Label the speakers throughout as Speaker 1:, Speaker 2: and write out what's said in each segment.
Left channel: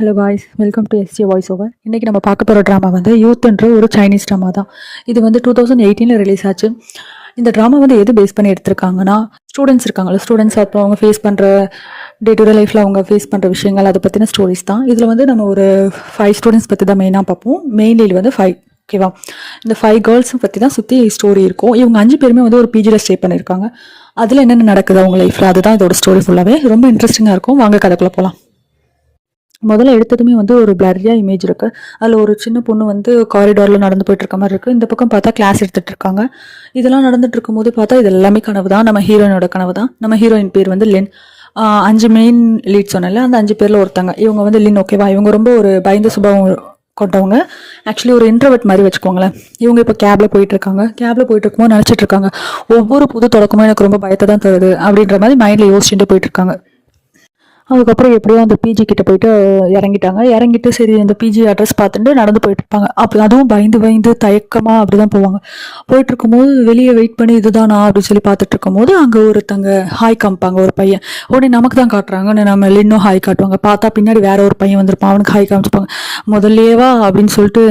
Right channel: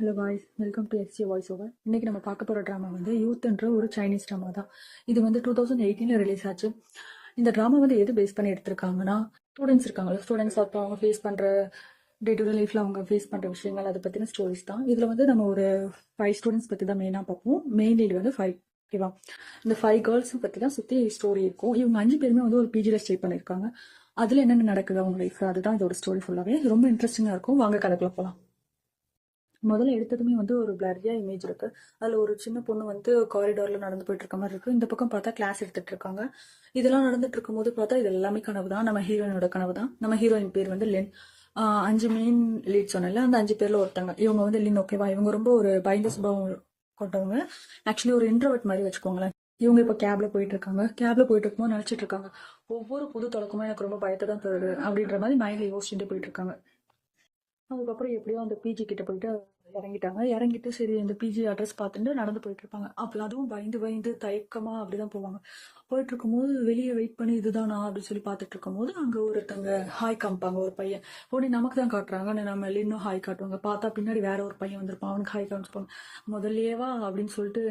Speaker 1: Hello guys welcome to SG voice over இன்றைக்கி நம்ம பார்க்க போகிற ட்ராமா வந்து யூத்ன்ற ஒரு சைனீஸ் ட்ராமா தான். இது வந்து டூ தௌசண்ட் எயிட்டீனில் ரிலீஸ் ஆச்சு. இந்த ட்ராமா வந்து எது பேஸ் பண்ணி எடுத்திருக்காங்கன்னா ஸ்டூடெண்ட்ஸ் இருக்காங்களா ஸ்டூடெண்ட்ஸ் அப்புறம் அவங்க ஃபேஸ் பண்ணுற டே டு டே லைஃப்பில் அவங்க ஃபேஸ் பண்ணுற விஷயங்கள் அதை பற்றின ஸ்டோரிஸ் தான். இதில் வந்து நம்ம ஒரு ஃபைவ் ஸ்டூடெண்ட்ஸ் பற்றி தான் மெயினாக பார்ப்போம். மெயின்லி வந்து ஃபைவ் ஓகேவா இந்த ஃபைவ் கேர்ள்ஸும் பற்றி தான் சுற்றி ஸ்டோரி இருக்கும். இவங்க அஞ்சு பேருமே வந்து ஒரு பிஜியில் ஸ்டே பண்ணியிருக்காங்க. அதில் என்னென்ன நடக்குது அவங்க லைஃப்பில் அதுதான் இதோட ஸ்டோரி ஃபுல்லாகவே ரொம்ப இன்ட்ரெஸ்டிங்காக இருக்கும். வாங்க கதைக்குள்ளே போகலாம் முதல்ல எடுத்ததுமே வந்து ஒரு பிளரியா இமேஜ் இருக்கு. அதில் ஒரு சின்ன பொண்ணு வந்து காரிடாரில் நடந்து போயிட்டு இருக்க மாதிரி இருக்கு. இந்த பக்கம் பார்த்தா கிளாஸ் எடுத்துட்டு இருக்காங்க இதெல்லாம் நடந்துட்டு இருக்கும்போது பார்த்தா இது எல்லாமே கனவு தான் நம்ம ஹீரோயினோட கனவு தான் நம்ம ஹீரோயின் பேர் வந்து லென் அஞ்சு மெயின் லீட் சொன்னல அந்த அஞ்சு பேர்ல ஒருத்தங்க. இவங்க வந்து லின் ஓகேவா இவங்க ரொம்ப ஒரு பயந்த சுபாவம் கொண்டவங்க. ஆக்சுவலி ஒரு இன்ட்ரவர்ட் மாதிரி வச்சுக்கோங்களேன். இவங்க இப்போ கேப்ல போயிட்டு இருக்காங்க கேப்ல போயிட்டு இருக்கும்போது நினச்சிட்டு இருக்காங்க ஒவ்வொரு புது தொடக்கமும் எனக்கு ரொம்ப பயத்தை தான் தருது அப்படின்ற மாதிரி மைண்ட்ல யோசிச்சுட்டு போயிட்டு இருக்காங்க அதுக்கப்புறம் எப்படியோ அந்த பிஜி கிட்ட போயிட்டு இறங்கிட்டாங்க. இறங்கிட்டு சரி அந்த பிஜி அட்ரஸ் பார்த்துட்டு நடந்து போயிட்டு இருப்பாங்க. அப்போ அதுவும் பயந்து பயந்து தயக்கமா அப்படிதான் போவாங்க. போயிட்டு இருக்கும்போது வெளியே வெயிட் பண்ணி இதுதானா அப்படின்னு சொல்லி பார்த்துட்டு இருக்கும்போது அங்கே ஒருத்தங்க ஹாய் காமிப்பாங்க ஒரு பையன். உடனே நமக்கு தான் காட்டுறாங்க உடனே நம்ம இன்னும் ஹாய் காட்டுவாங்க. பார்த்தா பின்னாடி வேற ஒரு பையன் வந்திருப்பான். அவனுக்கு ஹாய் காமிச்சிப்பாங்க. முதல்லேவா அப்படின்னு சொல்லிட்டு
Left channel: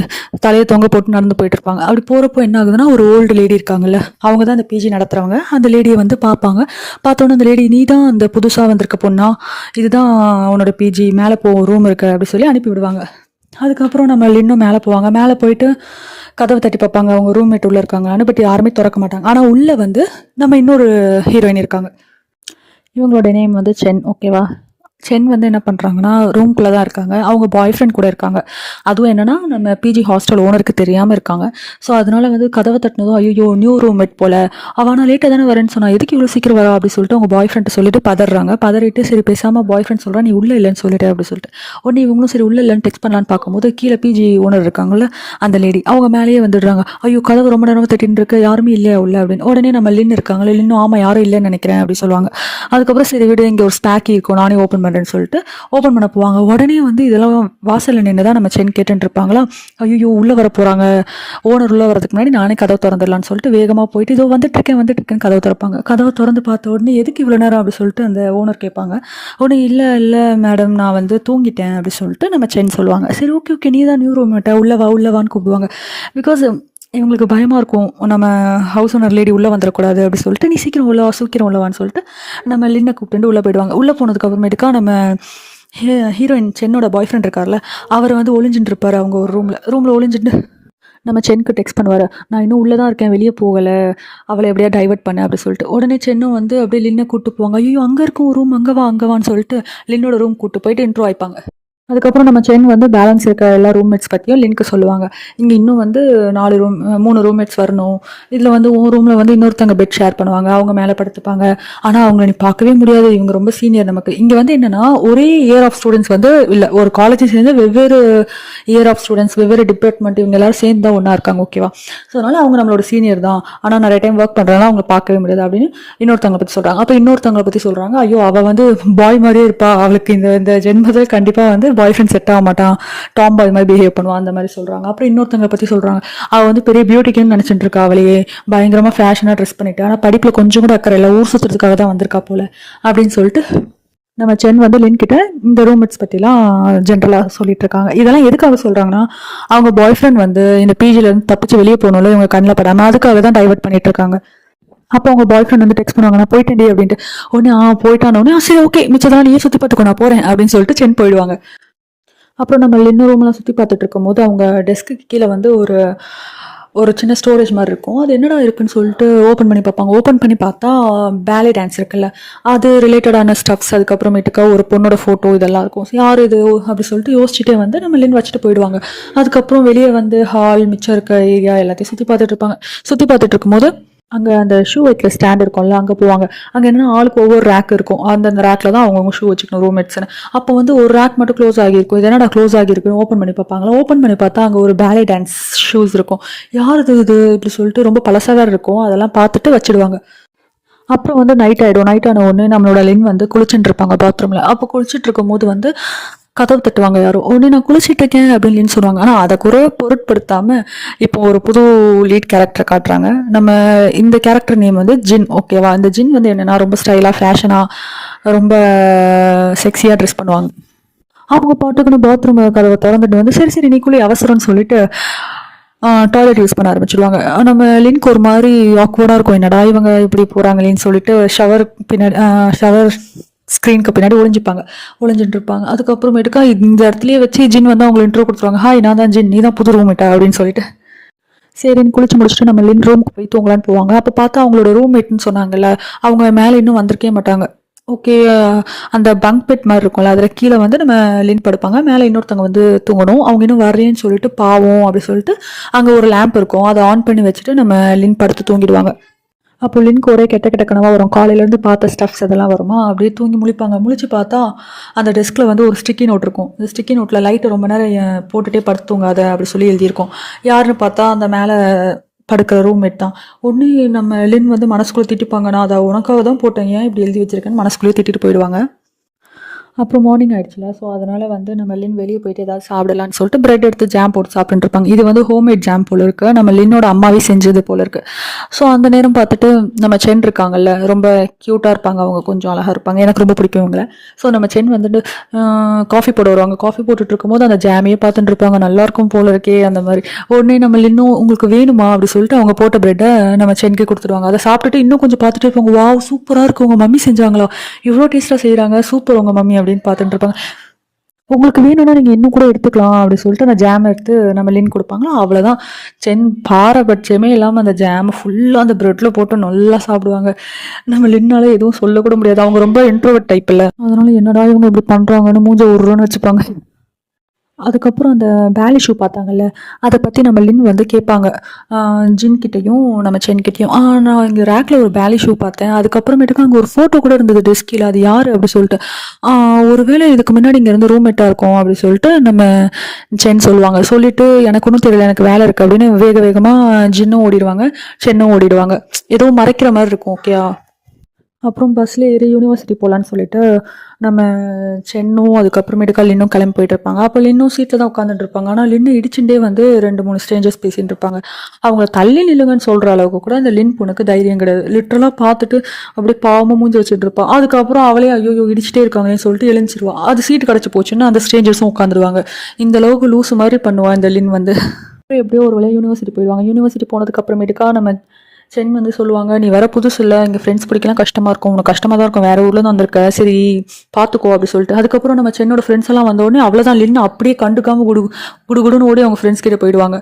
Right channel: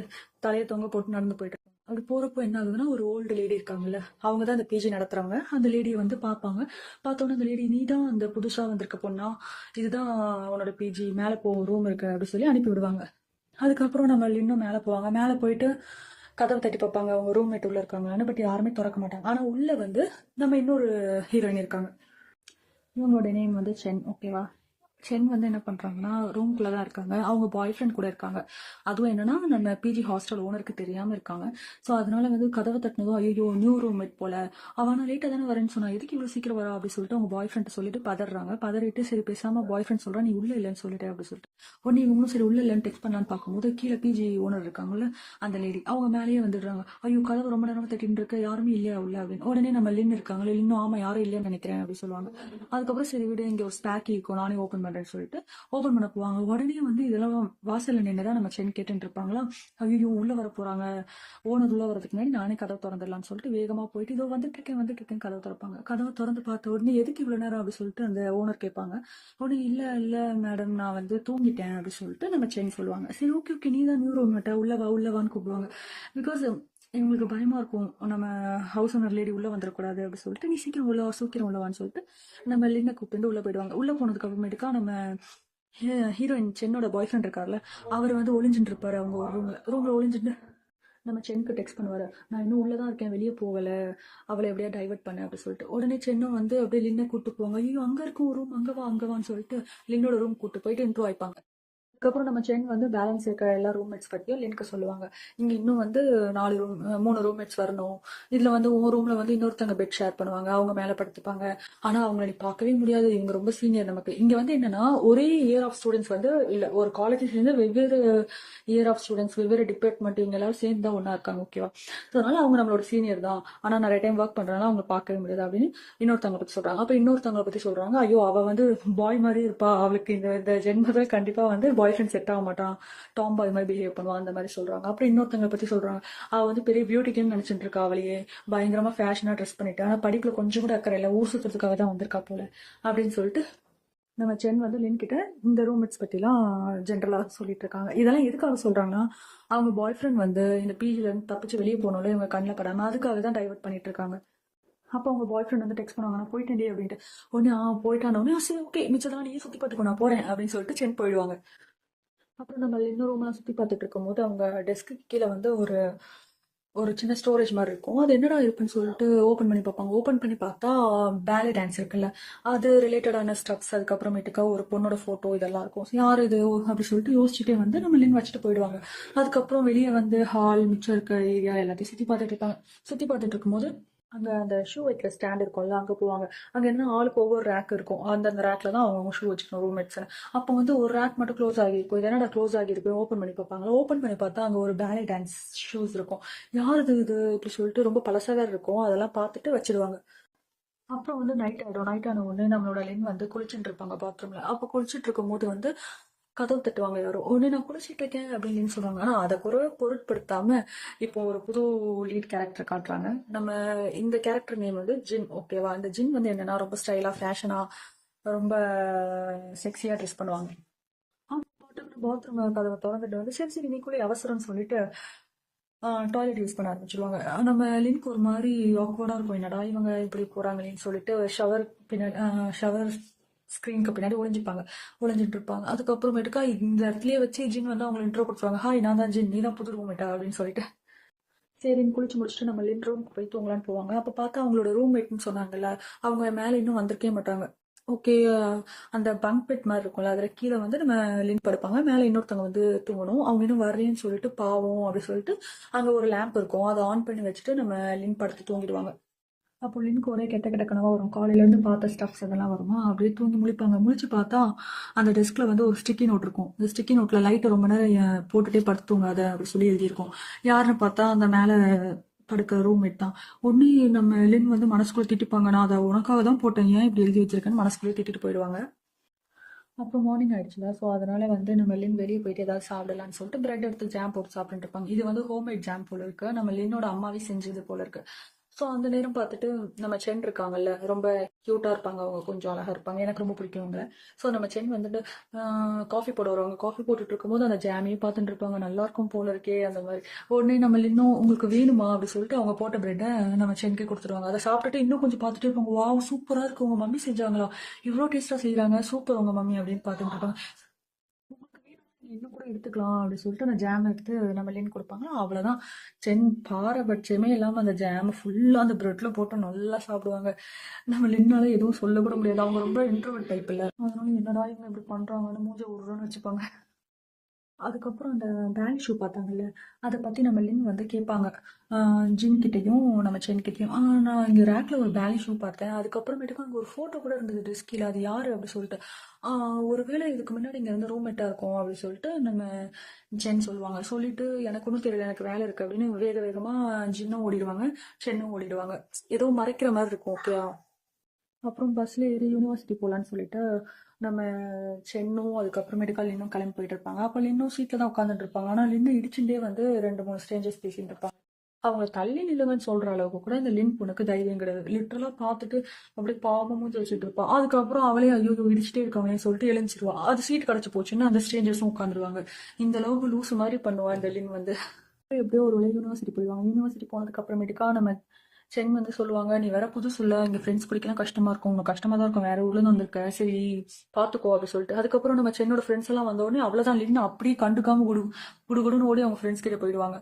Speaker 1: தலையை தொங்க போட்டு நடந்து போயிட்டு இருப்பாங்க. அப்படி போகிறப்போ என்ன ஆகுதுன்னா ஒரு ஓல்டு லேடி இருக்காங்கல்ல அவங்க தான் அந்த பிஜி நடத்துகிறவங்க அந்த லேடியை வந்து பார்ப்பாங்க. பார்த்தோன்னே அந்த லேடி நீ தான் அந்த புதுசாக வந்திருக்க பொண்ணா? இது இதுதான் அவனோட பிஜி மேலே போ ரூம் இருக்கு அப்படி சொல்லி அனுப்பி விடுவாங்க. அதுக்கப்புறம் நம்ம இன்னும் மேலே போவாங்க. மேலே போயிட்டு கதவை தட்டி பார்ப்பாங்க. அவங்க ரூம்மேட் உள்ளே இருக்காங்களான்னு பட் யாருமே திறக்க மாட்டாங்க. ஆனால் உள்ளே வந்து நம்ம இன்னொரு ஹீரோயின் இருக்காங்க. இவங்களோட நேம் வந்து சென். ஓகேவா சென் வந்து என்ன பண்ணுறாங்கன்னா ரூம்குள்ளே தான் இருக்காங்க. அவங்க பாய் ஃப்ரெண்ட் கூட இருக்காங்க. அதுவும் என்னென்னா நம்ம பிஜி ஹாஸ்டல் ஓனருக்கு தெரியாமல் இருக்காங்க. ஸோ அதனால வந்து கதவை தட்டினதும் ஐயோ நியூ ரூம்மேட் போல். அவனா லேட்டாக தானே வரேன்னு சொன்னால் எதுக்கு இவ்வளோ சீக்கிரம் வரா? அப்படி சொல்லிட்டு அவங்க பாய் ஃப்ரெண்ட் சொல்லிட்டு பதறாங்க. பதறிட்டு சரி பேசாமல் பாய் ஃப்ரெண்ட் சொல்கிறா நீ உள்ளே இல்லைன்னு சொல்லிட்டு அப்படி சொல்லிட்டு. உடனே இவங்களும் சரி உள்ளே இல்லைன்னு டெக்ஸ்ட் பண்ணலான்னு பார்க்கும்போது கீழே பிஜி ஓனர் இருக்காங்கல்ல அந்த லேடி அவங்க மேலேயே வந்துடுறாங்க. ஐயோ கதவு ரொம்ப நேரம் தட்டின்னு இருக்கு யாருமே இல்லையா உள்ள? அப்படின்னு. உடனே நம்ம லின் இருக்காங்களே லின்னு ஆமாம் யாரும் இல்லைன்னு நினைக்கிறேன் அப்படி சொல்லுவாங்க. அதுக்கப்புறம் சரி விடு இங்கே ஒரு ஸ்பேக்கி இருக்கும் நானே ஓப்பன் பண்ணுறேன்னு சொல்லிட்டு ஓப்பன் பண்ண போவாங்க. உடனே வந்து இதெல்லாம் வாசலில் நின்று தான் நம்ம சென் கேட்டுருப்பாங்களா ஐயோ உள்ளே வர போகிறாங்க ஓனர் உள்ளே வரதுக்கு முன்னாடி நானே கதவு திறந்துடலான்னு சொல்லிட்டு வேகமாக போயிட்டு இதோ வந்துட்டு இருக்கேன் வந்துட்டு இருக்கேன்னு கதவு திறப்பாங்க. கதவை திறந்து பார்த்த உடனே எதுக்கு இவ்வளோ நேரம் அப்படி சொல்லிட்டு அந்த ஓனர் கேட்பாங்க. உடனே இல்லை இல்லை மேடம் நான் வந்து தூங்கிட்டேன் அப்படி சொல்லிட்டு நம்ம சென் சொல்லுவாங்க. சரி ஓகே ஓகே நீ தான் நியூ ரூம் உள்ள வா உள்ள வான்னு கூப்பிடுவாங்க. பிகாஸ் இவங்களுக்கு பயமாக இருக்கும். நம்ம ஹவுஸ் ஓனர் லேடி உள்ளே வந்துடக்கூடாது அப்படி சொல்லிட்டு நீ சீக்கிரம் உள்ள சீக்கிரம் உள்ளவான்னு சொல்லிட்டு நம்ம லின்னை கூப்பிட்டு உள்ளே போயிடுவாங்க. உள்ளே போனதுக்கு அப்புறமேட்டுக்கா நம்ம ஹீ- ஹீரோயின் சென்னோட பாய் ஃப்ரெண்ட் இருக்கார்ல அவர் வந்து ஒளிஞ்சுட்டு இருப்பார் அவங்க ஒரு ரூமில் ரூமில் ஒளிஞ்சுட்டு நம்ம சென்னுக்கு டெக்ஸ்ட் பண்ணுவார். நான் இன்னும் உள்ளே தான் இருக்கேன் வெளியே போகலை. அவளை எப்படியா டைவர்ட் பண்ண அப்படி சொல்லிட்டு. உடனே சென்னும் வந்து அப்படியே லின்னை கூப்பிட்டு போவாங்க. ஐயோ அங்கே இருக்கும் ரூம் அங்கே வா அங்கே வான்னு சொல்லிட்டு லின்னோட ரூம் கூட்டு போயிட்டு இன்ட்ரோ ஆயிப்பாங்க அதுக்கப்புறம் நம்ம சென் வந்து பேலன்ஸ் இருக்க எல்லா ரூம்மேட்ஸ் பற்றியும் லிங்க் சொல்லுவாங்க. இங்கே இன்னும் வந்து நாலு ரூம் மூணு ரூம்மேட்ஸ் வரணும். இதில் வந்து உன் ரூமில் வந்து இன்னொருத்தங்க பெட் ஷேர் பண்ணுவாங்க. அவங்க மேலே படுத்துப்பாங்க. ஆனால் அவங்க நீ பார்க்கவே முடியாது. இவங்க ரொம்ப சீனியர் நமக்கு. இங்கே வந்து என்னென்னா ஒரே இயர் ஆஃப் ஸ்டூடெண்ட்ஸ் வந்து இல்லை ஒரு காலேஜ் சேர்ந்து வெவ்வேறு இயர் ஆஃப் ஸ்டூடெண்ட்ஸ் வெவ்வேறு டிபார்ட்மெண்ட் இவங்க எல்லாரும் சேர்ந்து தான் ஒன்றா இருக்காங்க ஓகேவா ஸோ அதனால் அவங்க நம்மளோட சீனியர் தான். ஆனால் நிறைய டைம் ஒர்க் பண்ணுறதுனால அவங்க பார்க்கவே முடியாது அப்படின்னு இன்னொருத்தவங்களை பற்றி சொல்கிறாங்க அப்போ இன்னொருத்தவங்களை பற்றி சொல்கிறாங்க ஐயோ அவள் வந்து பாய் மாதிரியே இருப்பா. அவளுக்கு இந்த இந்த ஜென்மத்தில் கண்டிப்பாக வந்து பாய் ஃப்ரெண்ட் செட் ஆக மாட்டான். டாம் பாய் மாதிரி பிஹேவ் பண்ணுவான் அந்த மாதிரி சொல்கிறாங்க அப்புறம் இன்னொருத்தவங்க பற்றி சொல்கிறாங்க அவள் வந்து பெரிய பியூட்டிக்குன்னு நினச்சிட்டு இருக்கா அவளையே. பயங்கரமாக ஃபேஷனாக ட்ரெஸ் பண்ணிட்டு. ஆனால் படிப்பில் கொஞ்சம் கூட அக்கறை இல்லை. ஊர் சுற்றுறதுக்காக தான் வந்திருக்கா போல. அப்படின்னு சொல்லிட்டு நம்ம சென் வந்து லின்கிட்ட இந்த ரூம்மேட்ஸ் பற்றிலாம் ஜென்ரலாக சொல்லிட்டு இருக்காங்க. இதெல்லாம் எதுக்காக சொல்கிறாங்கன்னா அவங்க பாய் ஃப்ரெண்ட் வந்து இந்த பிஜிலேருந்து தப்பிச்சு வெளியே போகணும்ல இவங்க கண்ணில் படாமல் அதுக்காக தான் டைவர்ட் பண்ணிட்டு இருக்காங்க. அப்போ அவங்க பாய் ஃப்ரெண்ட் வந்து டெக்ஸ்ட் பண்ணுவாங்க நான் போயிட்டேன்டி அப்படின்ட்டு. உடனே ஆ போயிட்டான. உடனே சரி ஓகே மிச்சதெல்லாம் நீயே சுற்றி பார்த்துக்கோ நான் போகிறேன் அப்படின்னு சொல்லிட்டு சென் போயிடுவாங்க. அப்புறம் நம்ம இன்னும் ரூம்லாம் சுற்றி பார்த்துட்டு இருக்கும்போது அவங்க டெஸ்க்கு கீழே வந்து ஒரு ஒரு சின்ன ஸ்டோரேஜ் மாதிரி இருக்கும். அது என்னடா இருக்குன்னு சொல்லிட்டு ஓப்பன் பண்ணி பார்ப்பாங்க. ஓப்பன் பண்ணி பார்த்தா பேலே டான்ஸ் இருக்குல்ல. அது ரிலேட்டடான ஸ்டப்ஸ் அதுக்கப்புறமேட்டுக்கா ஒரு பொண்ணோட ஃபோட்டோ இதெல்லாம் இருக்கும். யார் இது? அப்படி சொல்லிட்டு யோசிச்சுட்டே வந்து நம்ம லின் வச்சுட்டு போயிடுவாங்க. அதுக்கப்புறம் வெளியே வந்து ஹால் மிச்சம் இருக்க ஏரியா எல்லாத்தையும் சுற்றி பார்த்துட்டு இருப்பாங்க. சுற்றி பார்த்துட்டு இருக்கும்போது அங்கே அந்த ஷூ வைக்கிற ஸ்டாண்ட் இருக்கும்ல அங்கே போவாங்க. அங்கே என்னென்னா ஆளுக்கு ஒவ்வொரு ரேக் இருக்கும். அந்தந்த ரேக்கில் தான் அவங்கவுங்க ஷூ வச்சுக்கணும் ரூம்மேட்ஸ்னு அப்போ வந்து ஒரு ரேக் மட்டும் க்ளோஸ் ஆகியிருக்கும். இது என்னடா க்ளோஸ் ஆகியிருக்கு ஓப்பன் பண்ணி பார்ப்பாங்களா? ஓப்பன் பண்ணி பார்த்தா அங்கே ஒரு பேலே டான்ஸ் ஷூஸ் இருக்கும். யார் இது இது? இப்படி சொல்லிட்டு ரொம்ப பழசாக இருக்கும். அதெல்லாம் பார்த்துட்டு வச்சிடுவாங்க. அப்புறம் வந்து நைட் ஆகிடும் நைட் ஆன உடனே நம்மளோட லின் வந்து குளிச்சுட்டு இருப்பாங்க பாத்ரூமில் அப்போ குளிச்சுட்டு இருக்கும்போது வந்து கதவு தட்டுவாங்க யாரும் உடனே நான் குளிச்சிட்டு இருக்கேன் அப்படின்னு சொல்லுவாங்க. ஆனால் அதை கூட பொருட்படுத்தாமல் இப்போ ஒரு புது லீட் கேரக்டர் காட்டுறாங்க. நம்ம இந்த கேரக்டர் நேம் வந்து ஜின் ஓகேவா இந்த ஜின் வந்து என்னென்னா ரொம்ப ஸ்டைலாக ஃபேஷனாக ரொம்ப செக்ஸியாக ட்ரெஸ் பண்ணுவாங்க. அவங்க பாட்டுக்குன்னு பாத்ரூம் கதவை திறந்துட்டு வந்து சரி சரி நீக்குள்ளே அவசரம்னு சொல்லிட்டு டாய்லெட் யூஸ் பண்ண ஆரம்பிச்சிடுவாங்க நம்ம லின்க் ஒரு மாதிரி ஆக்வர்டாக இருக்கும். என்னடா இவங்க இப்படி போகிறாங்களேன்னு சொல்லிட்டு ஷவர் பின்னாடி ஷவர் ஸ்க்ரீனுக்கு பின்னாடி ஒளிஞ்சிப்பாங்க. ஒளிஞ்சிட்டு இருப்பாங்க அதுக்கப்புறமேட்டுக்கா இந்த இடத்துலயே வச்சு ஜின் வந்து அவங்களை இன்ட்ரோ கொடுத்துருவாங்க. ஹாய் நான் தான் ஜின். நீ தான் புது ரூம்மேட்டா அப்படின்னு சொல்லிட்டு. சரின்னு குளிச்சு முடிச்சுட்டு நம்ம லின் ரூமுக்கு போய் தூங்கலான்னு போவாங்க. அப்போ பார்த்தா அவங்களோட ரூம்மேட்னு சொன்னாங்கல்ல அவங்க மேலே இன்னும் வந்திருக்கே மாட்டாங்க. ஓகே அந்த பங்க் பெட் மாதிரி இருக்கும்ல அதில் கீழே வந்து நம்ம லின் படுப்பாங்க. மேலே இன்னொருத்தவங்க வந்து தூங்கணும். அவங்க இன்னும் வரேன்னு சொல்லிட்டு பாவம் அப்படி சொல்லிட்டு அங்கே ஒரு லேம்ப் இருக்கும். அதை ஆன் பண்ணி வச்சுட்டு நம்ம லின் படுத்து தூங்கிடுவாங்க. அப்போ லின்க்கு ஒரே கெட்ட கெட்ட கனவாக வரும். காலையிலேருந்து பார்த்த ஸ்டஃப்ஸ் அதெல்லாம் வருமா? அப்படியே தூங்கி முழிப்பாங்க. முழிச்சு பார்த்தா அந்த டெஸ்கில் வந்து ஒரு ஸ்டிக்கி நோட் இருக்கும். இந்த ஸ்டிக்கி நோட்டில் லைட்டை ரொம்ப நேரம் போட்டுகிட்டே போட்டுட்டே படுத்து தூங்காத அப்படி சொல்லி எழுதியிருக்கோம். யாருன்னு பார்த்தா அந்த மேலே படுக்கிற ரூம்மேட் தான். ஒன்று நம்ம லின் வந்து மனசுக்குள்ளே திட்டிப்பாங்க. நான் அதை உனக்காக தான் போட்டேன். ஏன் இப்படி எழுதி வச்சிருக்கேன்னு மனசுக்குள்ளேயே திட்டிட்டு போயிடுவாங்க. அப்புறம் மார்னிங் ஆயிடுச்சுல ஸோ அதனால் வந்து நம்ம லின் வெளியே போயிட்டு ஏதாவது சாப்பிடலான்னு சொல்லிட்டு பிரெட் எடுத்து ஜாம் போட்டு சாப்பிட்டுருப்பாங்க இது வந்து ஹோம்மேட் ஜாம் போல இருக்கு. நம்ம லின்னோட அம்மாவே செஞ்சது போல இருக்கு. ஸோ அந்த நேரம் பார்த்துட்டு நம்ம சென் இருக்காங்கல்ல ரொம்ப க்யூட்டாக இருப்பாங்க அவங்க கொஞ்சம் அழகாக இருப்பாங்க. எனக்கு ரொம்ப பிடிக்கும் இவங்கள. ஸோ நம்ம சென் வந்துட்டு காஃபி போட வருவாங்க. காஃபி போட்டுட்டு இருக்கும்போது அந்த ஜாமையே பார்த்துட்டு இருப்பாங்க. நல்லா இருக்கும் போல இருக்கே அந்த மாதிரி. உடனே நம்ம லின்னும் உங்களுக்கு வேணுமா? அப்படி சொல்லிட்டு அவங்க போட்ட பிரெட்டை நம்ம சென்க்கு கொடுத்துருவாங்க அதை சாப்பிட்டுட்டு இன்னும் கொஞ்சம் பார்த்துட்டு இருப்பாங்க. வாவ் சூப்பராக இருக்கு. உங்கள் மம்மி செஞ்சாங்களா? இவ்வளோ டேஸ்ட்டாக செய்கிறாங்க சூப்பர் உங்கள் மம்மி அப்படின்னு பார்த்துட்டு இருப்பாங்க. உங்களுக்கு வேணும்னா நீங்கள் இன்னும் கூட எடுத்துக்கலாம் அப்படின்னு சொல்லிட்டு அந்த ஜாம் எடுத்து நம்ம லின் கொடுப்பாங்களா? அவ்வளோதான் சென் பாரபட்சமே இல்லாமல் அந்த ஜாமை ஃபுல்லாக அந்த ப்ரெட்டில் போட்டு நல்லா சாப்பிடுவாங்க. நம்ம லின்னால எதுவும் சொல்லக்கூட முடியாது. அவங்க ரொம்ப இன்ட்ரோவர்ட் டைப் இல்லை. அதனால என்னடா இவங்க இப்படி பண்ணுறாங்கன்னு மூஞ்ச உருன்னு வச்சுப்பாங்க. அதுக்கப்புறம் அந்த பேலி ஷூ பார்த்தாங்கல்ல அதை பற்றி நம்ம லின் வந்து கேட்பாங்க. ஜின்கிட்டையும் கிட்டேயும் நம்ம சென் கிட்டேயும். ஆ நான் இங்கே ரேக்கில் ஒரு பேலி ஷூ பார்த்தேன். அதுக்கப்புறமேட்டுக்கு அங்கே ஒரு ஃபோட்டோ கூட இருந்தது டெஸ்கில் அது யார் அப்படி சொல்லிட்டு. ஒருவேளை இதுக்கு முன்னாடி இங்கேருந்து ரூம் ரூம்மேட்டாக இருக்கும் அப்படி சொல்லிட்டு நம்ம சென் சொல்லுவாங்க. சொல்லிட்டு எனக்கு ஒன்றும் தெரியல எனக்கு வேலை இருக்குது அப்படின்னு வேக வேகமாக ஜின்னும் ஓடிடுவாங்க சென்னும் ஓடிடுவாங்க. ஏதோ மறைக்கிற மாதிரி இருக்கும் ஓகேயா அப்புறம் பஸ்ஸில் ஏறி யூனிவர்சிட்டி போகலான்னு சொல்லிட்டு நம்ம சென்னும் அதுக்கப்புறமேட்டுக்கா லின்னும் கிளம்பி போயிட்டு இருப்பாங்க. அப்போ லின்னும் சீட்டில் தான் உட்காந்துட்டு இருப்பாங்க. ஆனால் லின்னு இடிச்சுட்டே வந்து ரெண்டு மூணு ஸ்ட்ரேஞ்சர்ஸ் பேசிகிட்டு இருப்பாங்க. அவங்கள தள்ளி நில்லுங்கன்னு சொல்கிற அளவுக்கு கூட அந்த லின் பொண்ணுக்கு தைரியம் கிடையாது. லிட்டரலாக பார்த்துட்டு அப்படியே பாவமாக மூஞ்சி வச்சுட்டு இருப்பான் அதுக்கப்புறம் அவளே ஐயோ இடிச்சிட்டே இருக்காங்கன்னு சொல்லிட்டு எழுந்திருவா. அது சீட் கிடச்சி போச்சுன்னா அந்த ஸ்ட்ரேஞ்சர்ஸும் உட்காந்துருவாங்க இந்த அளவுக்கு லூசு மாதிரி பண்ணுவான் இந்த லின் வந்து. அப்புறம் எப்படியோ ஒரு வேளை யூனிவர்சிட்டி போயிடுவாங்க. யூனிவர்சிட்டி போனதுக்கு அப்புறமேட்டுக்கா நம்ம சென் வந்து சொல்லுவாங்க நீ வர புதுசு இல்லை இங்கே ஃப்ரெண்ட்ஸ் பிடிக்கலாம் கஷ்டமாக இருக்கும். உனக்கு கஷ்டமாக தான் இருக்கும். வேறு ஊர்லேருந்து வந்திருக்க. சரி பார்த்துக்கோ அப்படி சொல்லிட்டு. அதுக்கப்புறம் நம்ம சென்னோட ஃப்ரெண்ட்ஸ் எல்லாம் வந்தோடனே அவ்வளோதான் லின்னு அப்படியே கண்டுக்காமல் குடு குடுகுடுன்னு ஓடி அவங்க ஃப்ரெண்ட்ஸ் கிட்டே போயிடுவாங்க.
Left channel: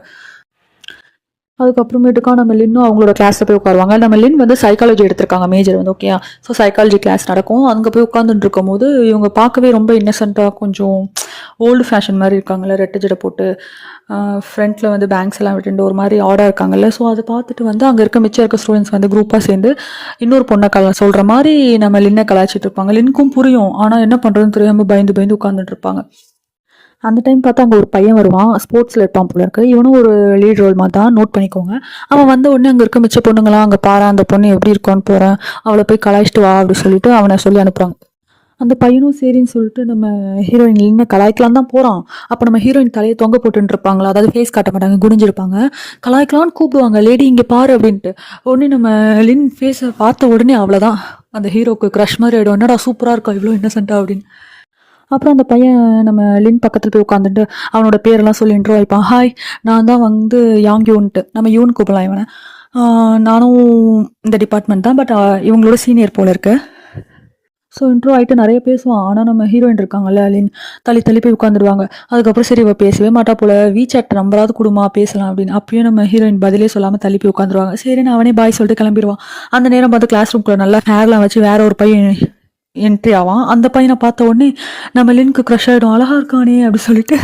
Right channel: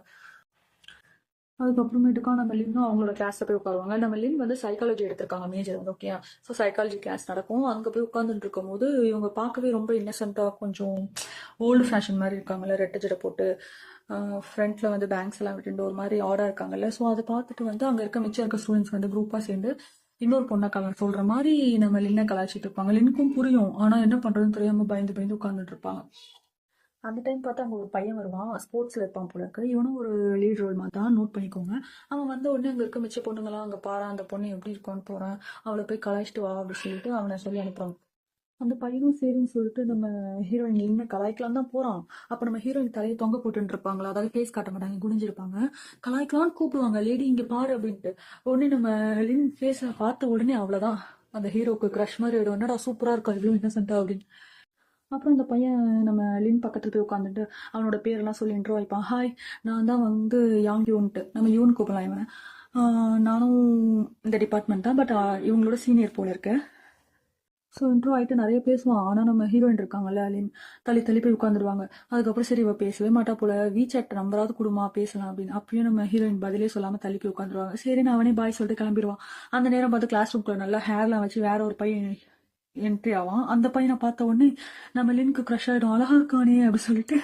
Speaker 1: அதுக்கப்புறமேட்டுக்கா நம்ம லின்னும் அவங்களோட கிளாஸில் போய் உட்காருவாங்க. நம்ம லின் வந்து சைக்காலஜி எடுத்திருக்காங்க மேஜர் வந்து ஓகே ஸோ சைக்காலஜி கிளாஸ் நடக்கும். அங்கே போய் உட்காந்துட்டு இருக்கும்போது இவங்க பார்க்கவே ரொம்ப இன்னசென்ட்டாக கொஞ்சம் ஓல்டு ஃபேஷன் மாதிரி இருக்காங்களே ரெட்டை ஜடை போட்டு. ஃப்ரண்ட்டில் வந்து பேங்க்ஸ் எல்லாம் விட்டுட்டு ஒரு மாதிரி ஆர்டர் இருக்காங்கல்ல. ஸோ அதை பார்த்துட்டு வந்து அங்கே இருக்க மிச்சம் இருக்க ஸ்டூடெண்ட்ஸ் வந்து குரூப்பாக சேர்ந்து இன்னொரு பொண்ணை கலா சொல்கிற மாதிரி நம்ம லின்னை கலாய்ச்சிட்டு இருப்பாங்க. லின்க்கும் புரியும். ஆனால் என்ன பண்ணுறதுன்னு தெரியாமல் பயந்து பயந்து உட்காந்துட்டு இருப்பாங்க. அந்த டைம் பார்த்தா அங்கே ஒரு பையன் வருவான். ஸ்போர்ட்ஸில் இருப்பான் போல இருக்கு. இவனும் ஒரு லீட் ரோல் மாதிரி தான் நோட் பண்ணிக்கோங்க. அவன் வந்த உடனே அங்கே இருக்க மிச்ச பொண்ணுங்களாம் அங்கே பாரு அந்த பொண்ணு எப்படி இருக்கான்னு போகிறேன் அவளை போய் கலாய்ச்சிட்டு வா அப்படி சொல்லிட்டு அவனை சொல்லி அனுப்புகிறாங்க அந்த பையனும் சரின்னு சொல்லிட்டு நம்ம ஹீரோயின் லின்னை கலாய்க்கலாம் தான் போகிறான் அப்போ நம்ம ஹீரோயின் தலையை தொங்க போட்டுருப்பாங்களா அதாவது ஃபேஸ் காட்ட மாட்டாங்க குடிஞ்சிருப்பாங்க கலாய்க்கலாம்னு கூப்பிடுவாங்க லேடி இங்கே பாரு அப்படின்ட்டு. உடனே நம்ம லின் ஃபேஸை பார்த்த உடனே அவ்வளோதான் அந்த ஹீரோக்கு க்ரஷ் மாதிரி ஆகிடும் என்னடா சூப்பராக இருக்கா? இவ்வளோ இன்னசென்ட்டா அப்படின்னு. அப்புறம் அந்த பையன் நம்ம லின் பக்கத்தில் போய் உட்காந்துட்டு அவனோட பேரெல்லாம் சொல்லி இன்ட்ரோ வைப்பான். ஹாய் நான் தான் வந்து யாங் யூன்ட்டு நம்ம யூன் கூப்பிடலாம் இவனை. நானும் இந்த டிபார்ட்மெண்ட் தான் பட் இவங்களோட சீனியர் போல இருக்குது ஸோ இன்ட்ரோ ஆகிட்டு நிறைய பேசுவான் ஆனால் நம்ம ஹீரோயின் இருக்காங்கல்ல லின் தள்ளி தள்ளி போய் உட்காந்துருவாங்க அதுக்கப்புறம் சரி இவ பேசவே மாட்டா போல. வீச்சாட் நம்பராது கொடுமா பேசலாம் அப்படின்னு. அப்பயும் நம்ம ஹீரோயின் பதிலே சொல்லாமல் தள்ளி போய் உட்காந்துருவாங்க சரின்னு அவனே பாய் சொல்லிட்டு கிளம்பிடுவான். அந்த நேரம் பார்த்து கிளாஸ் ரூம்குள்ள நல்லா ஹேர்லாம் வச்சு வேற ஒரு பையன் என்ட்ரி ஆவான். அந்த பையனை பார்த்த உடனே நம்ம லின்க்கு க்ரஷ் ஆகிடும் அழகாக இருக்கானே அப்படி சொல்லிட்டு.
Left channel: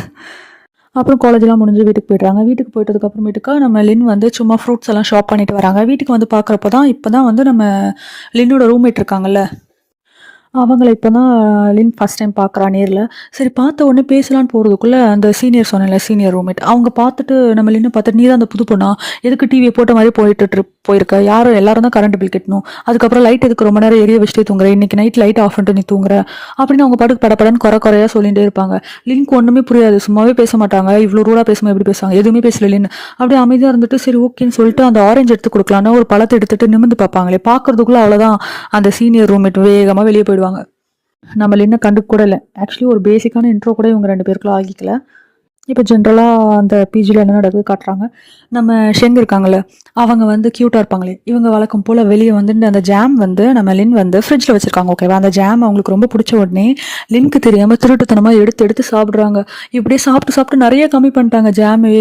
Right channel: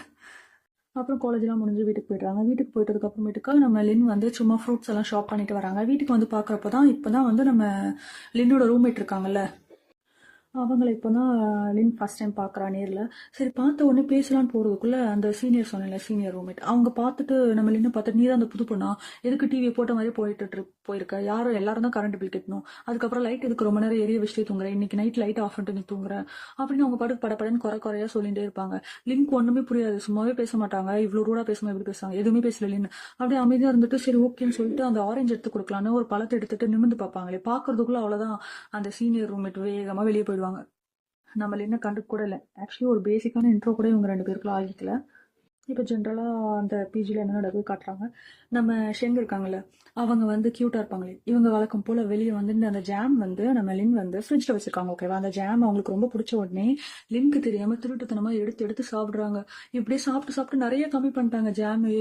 Speaker 1: அப்புறம் காலேஜ்லாம் முடிஞ்சு வீட்டுக்கு போயிடுறாங்க. வீட்டுக்கு போயிட்டதுக்கு அப்புறமேட்டுக்கா நம்ம லின் வந்து சும்மா ஃப்ரூட்ஸ் எல்லாம் ஷாப் பண்ணிட்டு வராங்க. வீட்டுக்கு வந்து பார்க்குறப்ப தான் இப்போ தான் வந்து நம்ம லின்னோட ரூம்மேட் இருக்காங்கல்ல. அவங்கள இப்போ தான் லின் ஃபஸ்ட் டைம் பார்க்குறா நேரில். சரி பார்த்த உடனே பேசலான்னு போகிறதுக்குள்ளே அந்த சீனியர் சொன்னேன்ல சீனியர் ரூம்மேட் அவங்க பார்த்துட்டு நம்ம லின்னு பார்த்துட்டு நீ தான் அந்த புது பொண்ணா? எதுக்கு டிவியை போட்ட மாதிரி போயிட்டு இரு- போயிருக்க? யாரும் எல்லாரும் தான் கரண்ட் பில் கட்டணும். அதுக்கப்புறம் லைட் எதுக்கு ரொம்ப நேரம் எரிய வச்சுட்டே தூங்குற? இன்னைக்கு நைட் லைட் ஆஃப் பண்ணிட்டு நீ தூங்குற? அப்படின்னு அவங்க பாட்டுக்கு படப்படன்னு குறை குறையா சொல்லிகிட்டே இருப்பாங்க. லிங்க் ஒன்றுமே புரியாது. சும்மாவே பேச மாட்டாங்க. இவ்வளோ ரூடாக பேசுமா எப்படி பேசுவாங்க? எதுவுமே பேசல லின். அப்படியே அமைதியாக இருந்துட்டு சரி ஓகேன்னு சொல்லிட்டு அந்த ஆரஞ்சு எடுத்து கொடுக்கலான்னு ஒரு பழத்தை எடுத்துட்டு நிமிந்து பார்ப்பாங்களே பார்க்கறதுக்குள்ள அவ்வளோதான் அந்த சீனியர் ரூம்மேட் வேகமாக வெளியே போயிடுவாங்க. நம்ம லின்னை கண்டு கூட இல்லை. ஆக்சுவலி ஒரு பேசிக்கான இன்ட்ரோ கூட இவங்க ரெண்டு பேருக்குள்ள ஆகிக்கல. இப்போ ஜென்ரலாக அந்த பிஜியில் என்ன நடக்குது காட்டுறாங்க. நம்ம ஷெங் இருக்காங்கல்ல அவங்க வந்து க்யூட்டாக இருப்பாங்களே. இவங்க வழக்கம் போல் வெளியே வந்து அந்த ஜாம் வந்து நம்ம லின் வந்து ஃப்ரிட்ஜில் வச்சுருக்காங்க ஓகேவா அந்த ஜாம் அவங்களுக்கு ரொம்ப பிடிச்ச உடனே லின்க்கு தெரியாமல் திருட்டுத்தனமாக எடுத்து எடுத்து சாப்பிட்றாங்க. இப்படியே சாப்பிட்டு சாப்பிட்டு நிறைய கம்மி பண்ணிட்டாங்க ஜாமே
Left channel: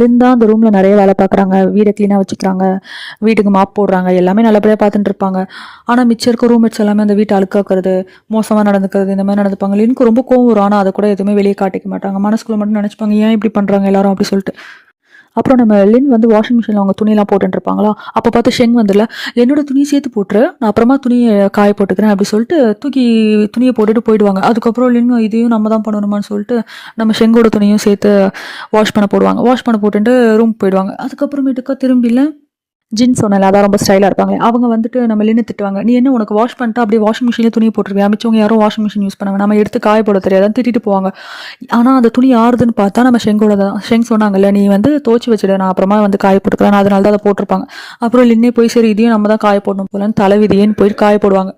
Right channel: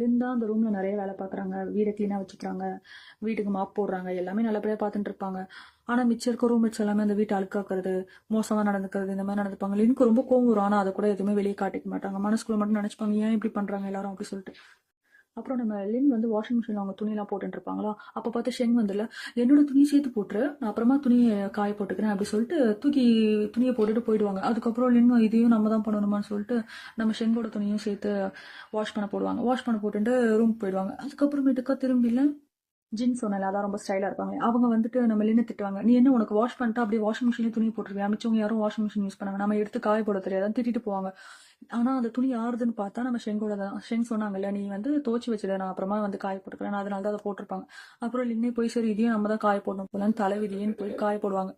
Speaker 1: லிந்தா தான் அந்த ரூமில் நிறைய வேலை பார்க்குறாங்க. வீடை க்ளீனாக வச்சுக்கிறாங்க. வீட்டுக்கு மாப் போடுறாங்க. எல்லாமே நல்லபடியாக பார்த்துட்டு இருப்பாங்க. ஆனால் மிச்சம் இருக்க ரூம்மேட்ஸ் எல்லாமே அந்த வீட்டை அழுக்காக்குறது மோசமாக நடந்துக்கிறது இந்த மாதிரி நடந்துப்பாங்க. லின்க்கு ரொம்ப கோவம் வரும். ஆனால் அதை கூட எதுவுமே வெளியே காட்டிக்க மாட்டாங்க. மனசுக்குள்ள மட்டும் நினச்சிப்பாங்க ஏன் இப்படி பண்ணுறாங்க எல்லாரும் அப்படி சொல்லிட்டு. அப்புறம் நம்ம லின் வந்து வாஷிங் மிஷினில் அவங்க துணியெல்லாம் போட்டுருப்பாங்களா இருப்பாங்களா அப்போ பார்த்து ஷெங் வந்துடல என்னோட துணியை சேர்த்து போட்டுரு நான் அப்புறமா துணியை காய போட்டுக்கிறேன் அப்படி சொல்லிட்டு தூக்கி துணியை போட்டுட்டு போயிடுவாங்க. அதுக்கப்புறம் லின் இதையும் நம்ம தான் பண்ணணுமான்னு சொல்லிட்டு நம்ம ஷெங்கோட துணியும் சேர்த்து வாஷ் பண்ண போடுவாங்க. வாஷ் பண்ண போட்டுட்டு ரூம் போயிடுவாங்க. அதுக்கப்புறமேட்டுக்கா திரும்பியில் ஜின் சொன்னல அதான் ரொம்ப ஸ்டைலாக இருப்பாங்க அவங்க வந்துட்டு நம்ம லின்னு திட்டுவாங்க. நீ என்ன உனக்கு வாஷ் பண்ணிட்டு அப்படியே வாஷிங் மிஷினில் துணி போட்டுருவியா? மிச்சவங்க யாரும் வாஷிங் மிஷின் யூஸ் பண்ணுவாங்க நம்ம எடுத்து காய போட தெரியாது. திட்டிட்டு போவாங்க. ஆனால் அந்த துணி யாருதுன்னு பார்த்தா நம்ம ஷெங்கோட தான். ஷெங் சொன்னாங்கல்ல நீ வந்து துவச்சி வச்சிடு. நான் அப்புறமா வந்து காய போட்டுக்கிறேன் அதனால தான் அதை போட்டிருப்பாங்க. அப்புறம் லின்னே போய் சரி இதையும் நம்ம தான் காய போடணும் போலன்னு தலைவிதியேன்னு போய் காய போடுவாங்க.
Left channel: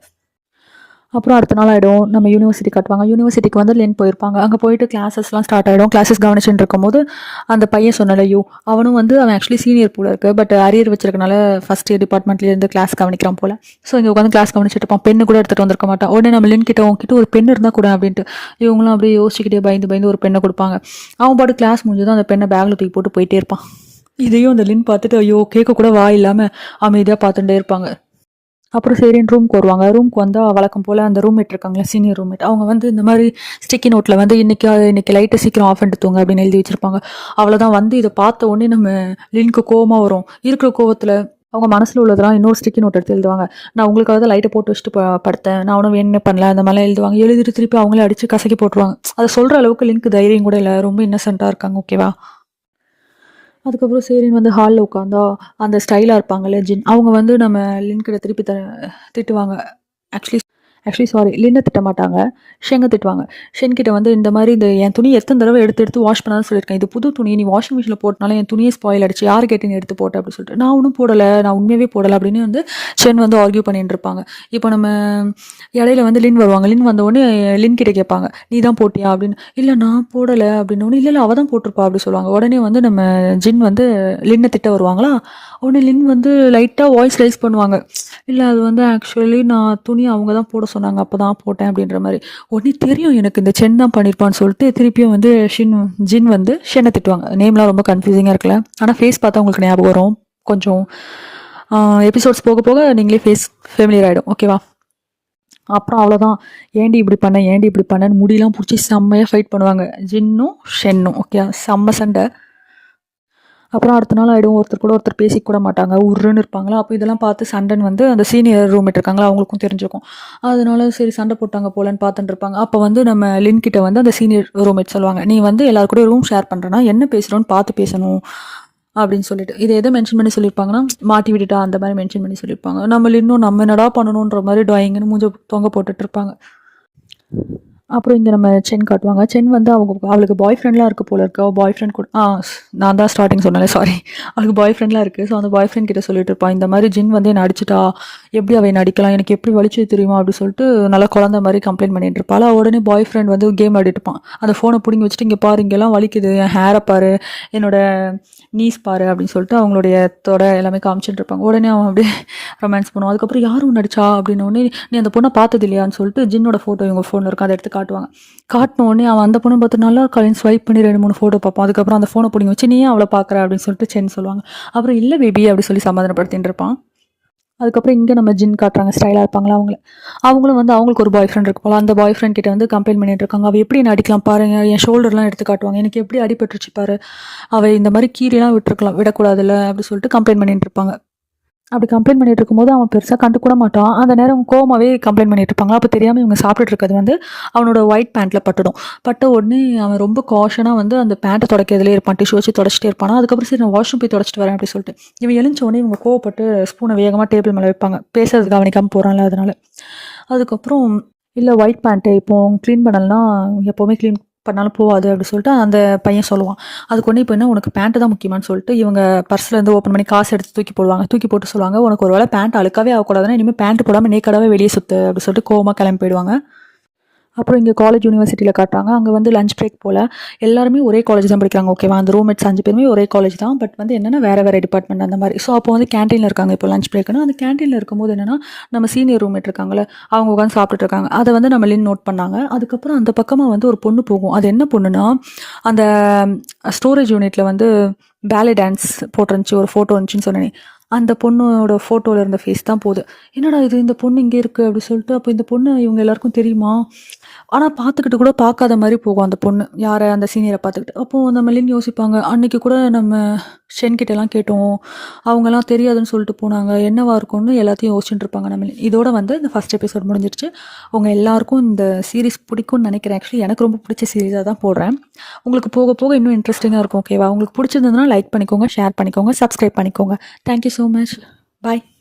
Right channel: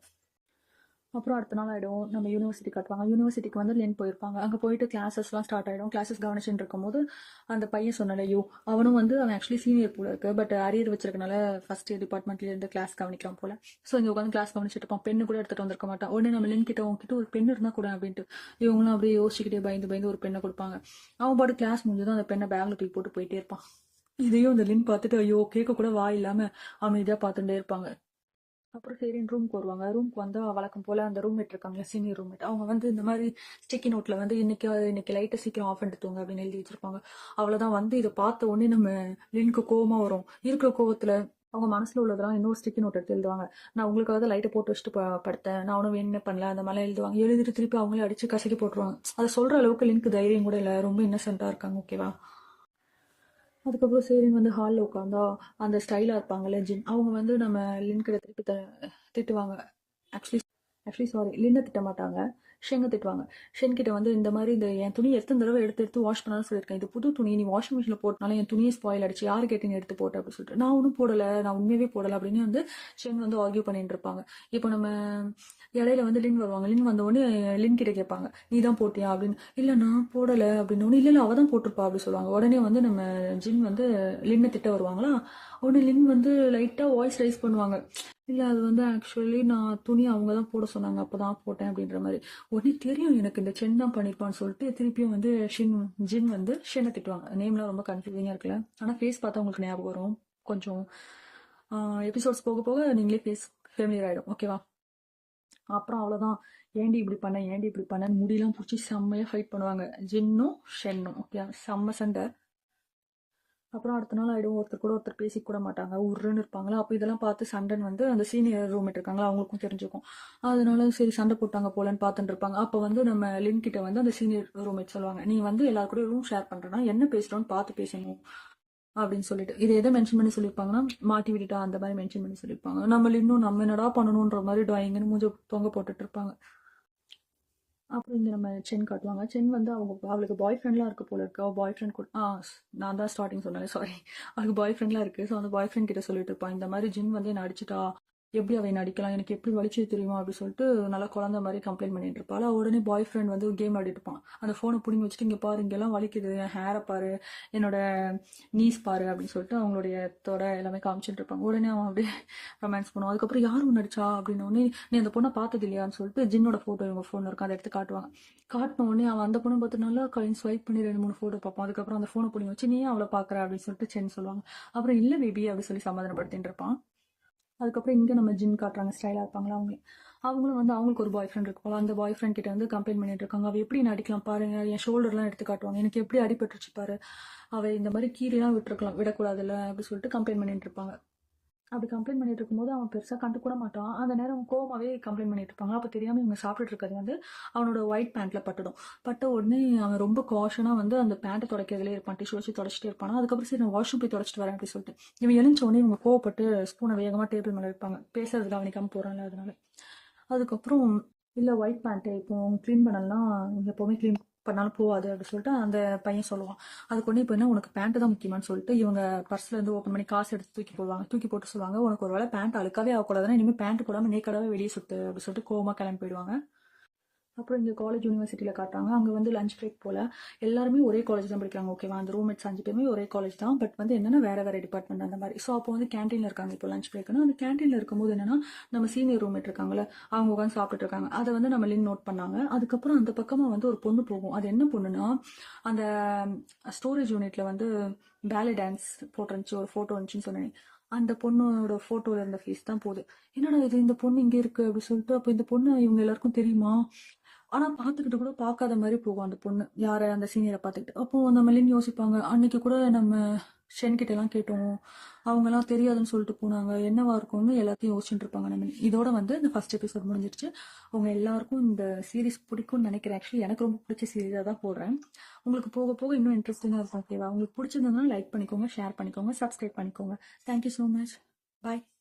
Speaker 1: அப்புறம் அடுத்த நாள் ஆகிடும் நம்ம யூனிவர்சிட்டி கட்டுவாங்க. யூனிவர்சிட்டிக்கு வந்து லென் போயிருப்பாங்க. அங்கே போயிட்டு கிளாஸஸ்லாம் ஸ்டார்ட் ஆகிடும் கிளாஸஸ் கவனிச்சுட்டு இருக்கும்போது அந்த பையன் சொன்னலையோ அவனும் வந்து அவன் ஆக்சுவலி சீனியர் போல இருக்கு. பட் அரியர் வச்சிருக்கனால ஃபஸ்ட் இயர் டிபார்ட்மெண்ட்லேருந்து கிளாஸ் கவனிக்கிறான் போல. ஸோ இங்கே உட்காந்து கிளாஸ் கவனிச்சுட்டு இருப்பான். பெண்ணு கூட எடுத்துகிட்டு வந்திருக்க மாட்டான். உடனே நம்ம லென் கிட்ட உங்ககிட்ட ஒரு பெண் இருந்தால் கூட அப்படின்ட்டு. இவங்களும் அப்படியே யோசிச்சுக்கிட்டே பயந்து பயந்து ஒரு பெண்ணை கொடுப்பாங்க. அவன் பாட்டு கிளாஸ் முடிஞ்சதும் அந்த பெண்ணை பேக்கில் தூக்கி போட்டு போயிட்டே இருப்பான். இதையும் அந்த லின் பார்த்துட்டு ஐயோ கேட்க கூட வாய் இல்லாமல் அமைதியாக பார்த்துட்டே இருப்பாங்க. அப்புறம் சரின்னு ரூம்க்கு வருவாங்க. ரூம்க்கு வந்தால் வழக்கம் போல் அந்த ரூம்மேட் இருக்காங்களா சீனியர் ரூம்மேட் அவங்க வந்து இந்த மாதிரி ஸ்டிக்கி நோட்டில் வந்து இன்றைக்கி இன்றைக்கி லைட்டை சீக்கிரம் ஆஃப் பண்ணிட்டு தூங்க அப்படின்னு எழுதி வச்சிருப்பாங்க. அவ்வளோதான் வந்து இதை பார்த்த உடனே நம்ம லின்க்கு கோவமாக வரும். இருக்கிற கோவத்தில் அவங்க மனசில் உள்ளதெல்லாம் இன்னொரு ஸ்டிக்கி நோட் எடுத்து எழுதுவாங்க. நான் உங்களுக்காக தான் லைட்டை போட்டு வச்சுட்டு ப- படுத்தேன். நான் ஒன்றும் என்ன பண்ணல. அந்த மாதிரிலாம் எழுதுவாங்க. எழுதிட்டு திருப்பி அவங்களே அடித்து கசக்கி போட்டுருவாங்க. அதை சொல்கிற அளவுக்கு லிங்க் தைரியம் கூட இல்லை. ரொம்ப இன்னசென்ட்டாக இருக்காங்க. ஓகேவா அதுக்கப்புறம் சரின்னு வந்து ஹாலில் உட்காந்தா அந்த ஸ்டைலாக இருப்பாங்கல்ல ஜின் அவங்க வந்து நம்ம லின்கிட்ட திருப்பி த திட்டுவாங்க. ஆக்சுவலி ஆக்சுவலி சாரி லின்னை திட்ட மாட்டாங்க. ஷெங்கை திட்டுவாங்க. ஷென்கிட்ட வந்து இந்த மாதிரி இந்த என் துணி எத்தனை தடவை எடுத்து எடுத்து வாஷ் பண்ணாலும் சொல்லியிருக்கேன். இது புது துணி நீ வாஷிங் மிஷினில் போட்டனால என் துணியை ஸ்பாயில் அடிச்சு யார் கேட்டு நீ எடுத்து போட்ட அப்படின்னு சொல்லிட்டு. நான் ஒன்றும் போடலை. நான் உண்மையாகவே போடலை அப்படின்னு வந்து ஷென் வந்து ஆர்கியூ பண்ணிட்டு இருப்பாங்க. இப்போ நம்ம இடையில வந்து லின் வருவாங்க. லின் வந்த உடனே லின் கிட்ட கேட்பாங்க. நீ தான் போட்டியா? அப்படின்னு. இல்லை நான் போடலை. அப்படின்னு. இல்லை இல்லை அவள் தான் போட்டிருப்பா. அப்படி சொல்லுவாங்க. உடனே வந்து நம்ம ஜின் வந்து லின்னை திட்ட வருவாங்களா? உடனே லின் வந்து லைட்டாக வாய்ஸ் ரைஸ் பண்ணுவாங்க. இல்லை அது வந்து ஆக்சுவலி நான் துணி அவங்க தான் போட சொன்னாங்க. அப்போ தான் போட்டேன் அப்படின்ற மாதிரி. உடனே தெரியும் எனக்கு இந்த சென் தான் பண்ணியிருப்பான்னு சொல்லிட்டு திருப்பியும் வந்து ஷின் ஜின் வந்து ஷென்னை திட்டுவாங்க. நேம்லாம் ரொம்ப கன்ஃபியூசிங்காக இருக்குல்ல. ஆனால் ஃபேஸ் பார்த்தா உங்களுக்கு ஞாபகம் வரும். கொஞ்சம் எபிசோட்ஸ் போக போக நீங்களே ஃபேஸ் ஃபேமிலியர் ஆகிடும் ஓகேவா அப்புறம் அவ்வளோதான் ஏண்டி இப்படி பண்ண? ஏண்டி இப்படி பண்ணன்னு? முடியெலாம் பிடிச்சி செம்மையாக ஃபைட் பண்ணுவாங்க. ஜின்னும் ஷென்னும். ஓகே செம்ம சண்டை. அப்புறம் அடுத்த நாள் ஆகிடும் ஒருத்தர் கூட ஒருத்தர் பேசிக்க கூட மாட்டாங்க. உருன்னு இருப்பாங்களா? அப்போ இதெல்லாம் பார்த்து சண்டைன்னு வந்து அந்த சீனியர் ரூம்மேட் இருக்காங்களா? அவங்களுக்கும் தெரிஞ்சிருக்கும். அதனால சரி சண்டை போட்டாங்க போலன்னு பார்த்துட்டு இருப்பாங்க. அப்போ வந்து நம்ம லின் கிட்ட வந்து அந்த சீனியர் ரூம்மேட் சொல்லுவாங்க. நீ வந்து எல்லாரு கூட ரூம் ஷேர் பண்ணுறனா என்ன பேசுகிறோன்னு பார்த்து பேசணும். அப்படின்னு சொல்லிட்டு. இதை எதை மென்ஷன் பண்ணி சொல்லியிருப்பாங்கன்னா மாட்டி விட்டுட்டா அந்த மாதிரி மென்ஷன் பண்ணி சொல்லியிருப்பாங்க. நம்ம இன்னும் நம்ம என்னடா பண்ணணுன்ற மாதிரி ட்ராயிங்னு மூஞ்ச தொங்க போட்டுட்டு இருப்பாங்க. அப்புறம் இங்கே நம்ம சென் காட்டுவாங்க. சென் வந்து அவங்க அவளுக்கு பாய் ஃப்ரெண்ட்லாம் இருக்குது போல இருக்கு. அவள் பாய் ஃப்ரெண்ட் கூட ஆ நான் தான் ஸ்டார்டிங் சொன்னேன் சாரி அவளுக்கு பாய் ஃப்ரெண்ட்லாம் இருக்குது ஸோ அந்த பாய் ஃப்ரெண்ட் கிட்ட சொல்லிட்டு இருப்பான் இந்த மாதிரி ஜின் வந்து என்னை அடிச்சிட்டா. எப்படி அவை அடிக்கலாம்? எனக்கு எப்படி வலிச்சு தெரியுமா? அப்படின்னு சொல்லிட்டு நல்லா குழந்த மாதிரி கம்ப்ளைண்ட் பண்ணிட்டு இருப்பாள் உடனே பாய் ஃப்ரெண்ட் வந்து கேம் ஆடிட்டுப்பான் அந்த ஃபோனை பிடிங்கி வச்சுட்டு இங்கே பாரு இங்கெல்லாம் வலிக்குது. என் ஹேரை பாரு. என்னோட நீஸ் பாரு. அப்படின்னு சொல்லிட்டு அவங்களுடைய தொடை எல்லாமே காமிச்சிட்டு இருப்பாங்க. உடனே அவன் அப்படியே ரொமான்ஸ் பண்ணுவான். அதுக்கப்புறம் யாரும் நடிச்சா அப்படின்னு உடனே நீ அந்த பொண்ணை பார்த்தது இல்லையான்னு சொல்லிட்டு ஜின்னோட ஃபோட்டோ இவங்க ஃபோனில் இருக்கும் அதை எடுத்து காட்டுவாங்க. காட்டின உடனே அவன் அந்த பொண்ணை பார்த்து நல்லா இருக்காளின்னு ஸ்வைப் பண்ணி ரெண்டு மூணு ஃபோட்டோ பார்ப்போம். அதுக்கப்புறம் அந்த ஃபோனை பிடிங்க. வச்சு நீ அவளை பார்க்குற? அப்படின்னு சொல்லிட்டு சென் சொல்லுவாங்க. அப்புறம் இல்லை பேபி அப்படி சொல்லி சமாதானப்படுத்திட்டு இருப்பான். அதுக்கப்புறம் இங்கே நம்ம ஜின் காட்டுறாங்க. ஸ்டைலாக இருப்பாங்களா அவங்கள. அவங்களும் வந்து அவங்களுக்கு ஒரு பாய் ஃப்ரெண்ட் இருக்கு போல. அந்த பாய் ஃப்ரெண்ட் கிட்ட வந்து கம்ப்ளைண்ட் பண்ணிட்டு இருக்காங்க. அவள் எப்படி என்ன அடிக்கலாம் பாருங்க. என் ஷோல்டர்லாம் எடுத்து காட்டுவாங்க. எனக்கு எப்படி அடிபட்டுருச்சு பாரு. அவள் இந்த மாதிரி கீரிலாம் விட்டுருக்கலாம். விடக்கூடாதுல்ல அப்படி சொல்லிட்டு கம்ப்ளைண்ட் பண்ணிட்டு இருப்பாங்க. அப்படி கம்ப்ளைண்ட் பண்ணிட்டு இருக்கும்போது அவன் பெருசாக கண்டு கூட மாட்டான். அந்த நேரம் கோமாவே கம்ப்ளைண்ட் பண்ணிட்டு இருப்பாங்க. அப்போ தெரியாமல் இவங்க சாப்பிட்டுட்டு இருக்கிறது வந்து அவனோட ஒயிட் பேண்ட்டில் பட்டுடும். பட்ட உடனே அவன் ரொம்ப காஷனாக வந்து அந்த பேண்ட்டை தொடக்கிறதுலே இருப்பான். டிஷ்யூ வச்சு தொடச்சிட்டே இருப்பான். அதுக்கப்புறம் சரி நான் வாஷ்ரூம் போய் தொடச்சிட்டு வரேன் அப்படி சொல்லிட்டு. இவன் எழுந்த உடனே இவங்க கோவப்பட்டு ஸ்பூனை வேகமாக டேபிள் மேலே வைப்பாங்க. பேசுறதுக்கு கவனிக்காமல் போகிறான்ல அதனால. அதுக்கப்புறம் இல்லை ஒயிட் பேண்ட்டு இப்போ க்ளீன் பண்ணலன்னா எப்போவுமே க்ளீன் பண்ணாலும் போகாது அப்படின்னு சொல்லிட்டு அந்த பையன் சொல்லுவான். அதுக்கு ஒன்று இப்போ என்ன உனக்கு பேண்ட்டு தான் முக்கியமானு சொல்லிட்டு இவங்க பர்ஸில் இருந்து ஓப்பன் பண்ணி காசு எடுத்து தூக்கி போடுவாங்க. தூக்கி போட்டு சொல்லுவாங்க உனக்கு ஒரு வேளை பேண்ட் அழுக்காவே ஆகக்கூடாதுன்னா இனிமேல் பேண்ட் போடாமல் நேக்கடாவே வெளியே சுற்று அப்படின்னு சொல்லிட்டு கோவமாக கிளம்பி போயிடுவாங்க. அப்புறம் இங்கே காலேஜ் யூனிவர்சிட்டியில் காட்டுறாங்க. அங்கே வந்து லஞ்ச் பிரேக் போல் எல்லாருமே ஒரே காலேஜ் தான் படிக்கிறாங்க. ஓகேவா அந்த ரூம்மேட்ஸ் அஞ்சு பேருமே ஒரே காலேஜ் தான். பட் வந்து என்னென்னா வேறு வேறு டிபார்ட்மெண்ட் அந்த மாதிரி. ஸோ அப்போ வந்து கேண்டீனில் இருக்காங்க. இப்போ லஞ்ச் பிரேக்குன்னு அந்த கேண்டீனில் இருக்கும்போது என்னென்னா நம்ம சீனியர் ரூம்மேட் இருக்காங்களே அவங்க உட்காந்து சாப்பிட்டுட்டு இருக்காங்க. அதை வந்து நம்ம லின் நோட் பண்ணாங்க. அதுக்கப்புறம் அந்த பக்கமாக வந்து ஒரு பொண்ணு போகும். அது என்ன பொண்ணுன்னா அந்த ஸ்டோரேஜ் யூனிட்டில் வந்து பேலே டான்ஸ் போட்டிருந்துச்சு. ஒரு ஃபோட்டோ இருந்துச்சுன்னு சொன்னேனே. அந்த பொண்ணோட ஃபோட்டோவில் இருந்த ஃபேஸ் தான் போகுது என்னடா இது? இந்த பொண்ணு இங்கே இருக்குது அப்படி சொல்லிட்டு அப்போ இந்த பொண்ணு இவங்க எல்லாருக்கும் தெரியுமா? ஆனால் பார்த்துக்கிட்டு கூட பார்க்காத மாதிரி போகும் அந்த பொண்ணு. யாரை? அந்த சீனியரை பார்த்துக்கிட்டு. அப்போது நம்ம லின் யோசிப்பாங்க அன்றைக்கி கூட நம்ம ஷென்கிட்டலாம் கேட்டோம். அவங்கெல்லாம் தெரியாதுன்னு சொல்லிட்டு போனாங்க. என்னவா இருக்கும்னு எல்லாத்தையும் யோசிச்சுட்டு இருப்பாங்க நம்ம இதோட வந்து இந்த ஃபஸ்ட் எபிசோட் முடிஞ்சிருச்சு. உங்கள் எல்லாருக்கும் இந்த சீரிஸ் பிடிக்கும்னு நினைக்கிறேன். ஆக்சுவலி எனக்கு ரொம்ப பிடிச்ச சீரீஸாக தான் போடுறேன். உங்களுக்கு போக போக இன்னும் இன்ட்ரெஸ்டிங்காக இருக்கும் ஓகேவா உங்களுக்கு பிடிச்சிருந்ததுன்னா லைக் பண்ணிக்கோங்க ஷேர் பண்ணிக்கோங்க சப்ஸ்கிரைப் பண்ணிக்கோங்க. Thank you so much bye